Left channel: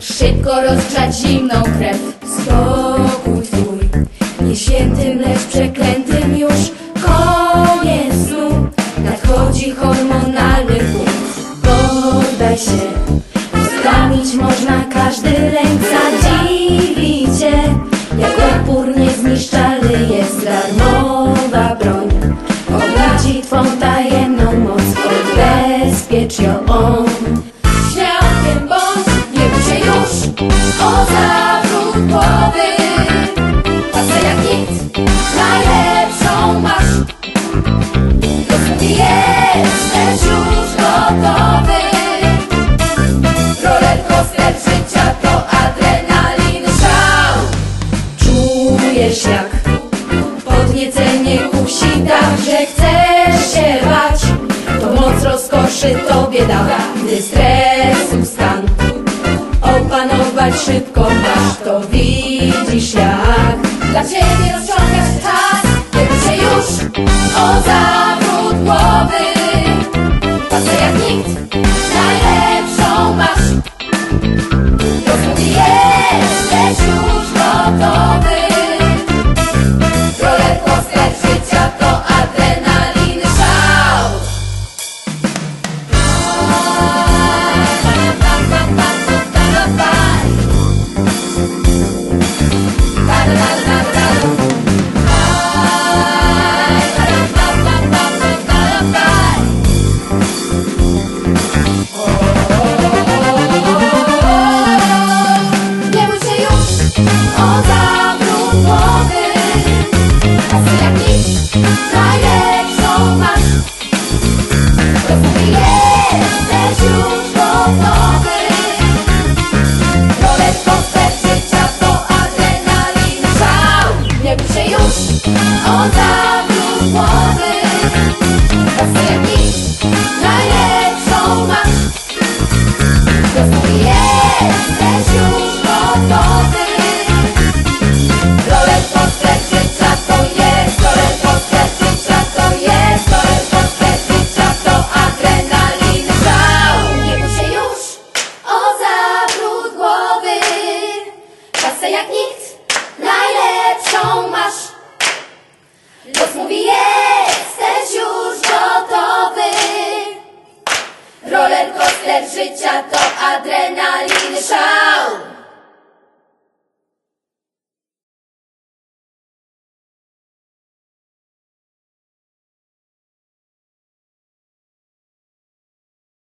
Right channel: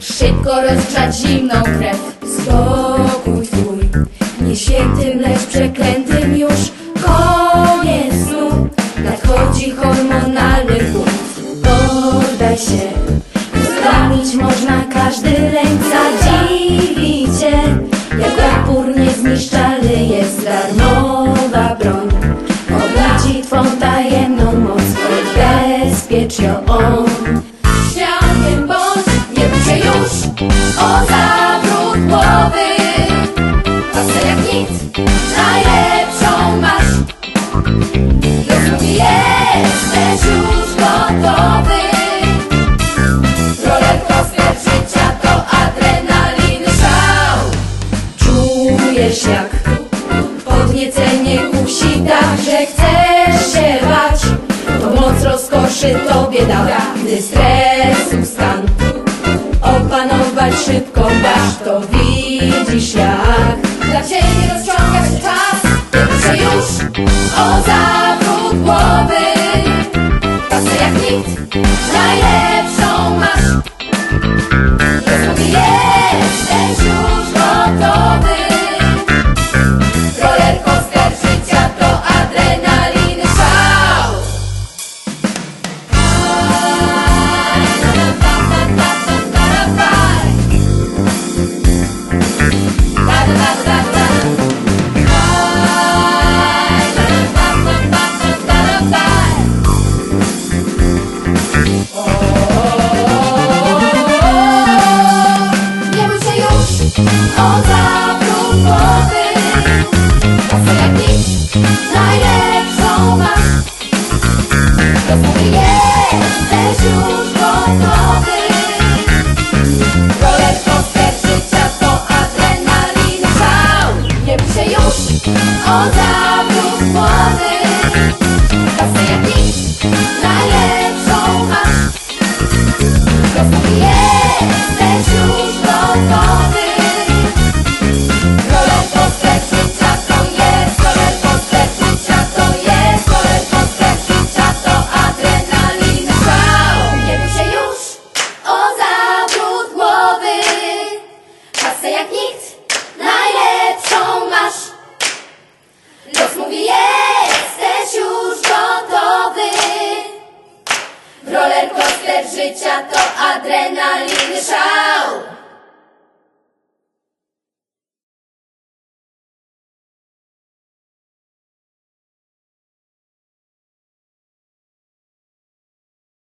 Szybko rozgrzać zimną krew. Skoro Jesteś już gotowy Rollercoaster życia to adrenaliny szał Czujesz jak podniecenie kusi tak, że chcesz się bać. To moc rozkoszy tobie da, gdy stresu stan Opanować szybko masz, to widzisz jak. Dla ciebie nie się już o zawrót głowy Pracę jak nikt, najlepszą masz Jesteś już gotowy Rollercoaster życia to adrenaliny szał Nie się Rollercoaster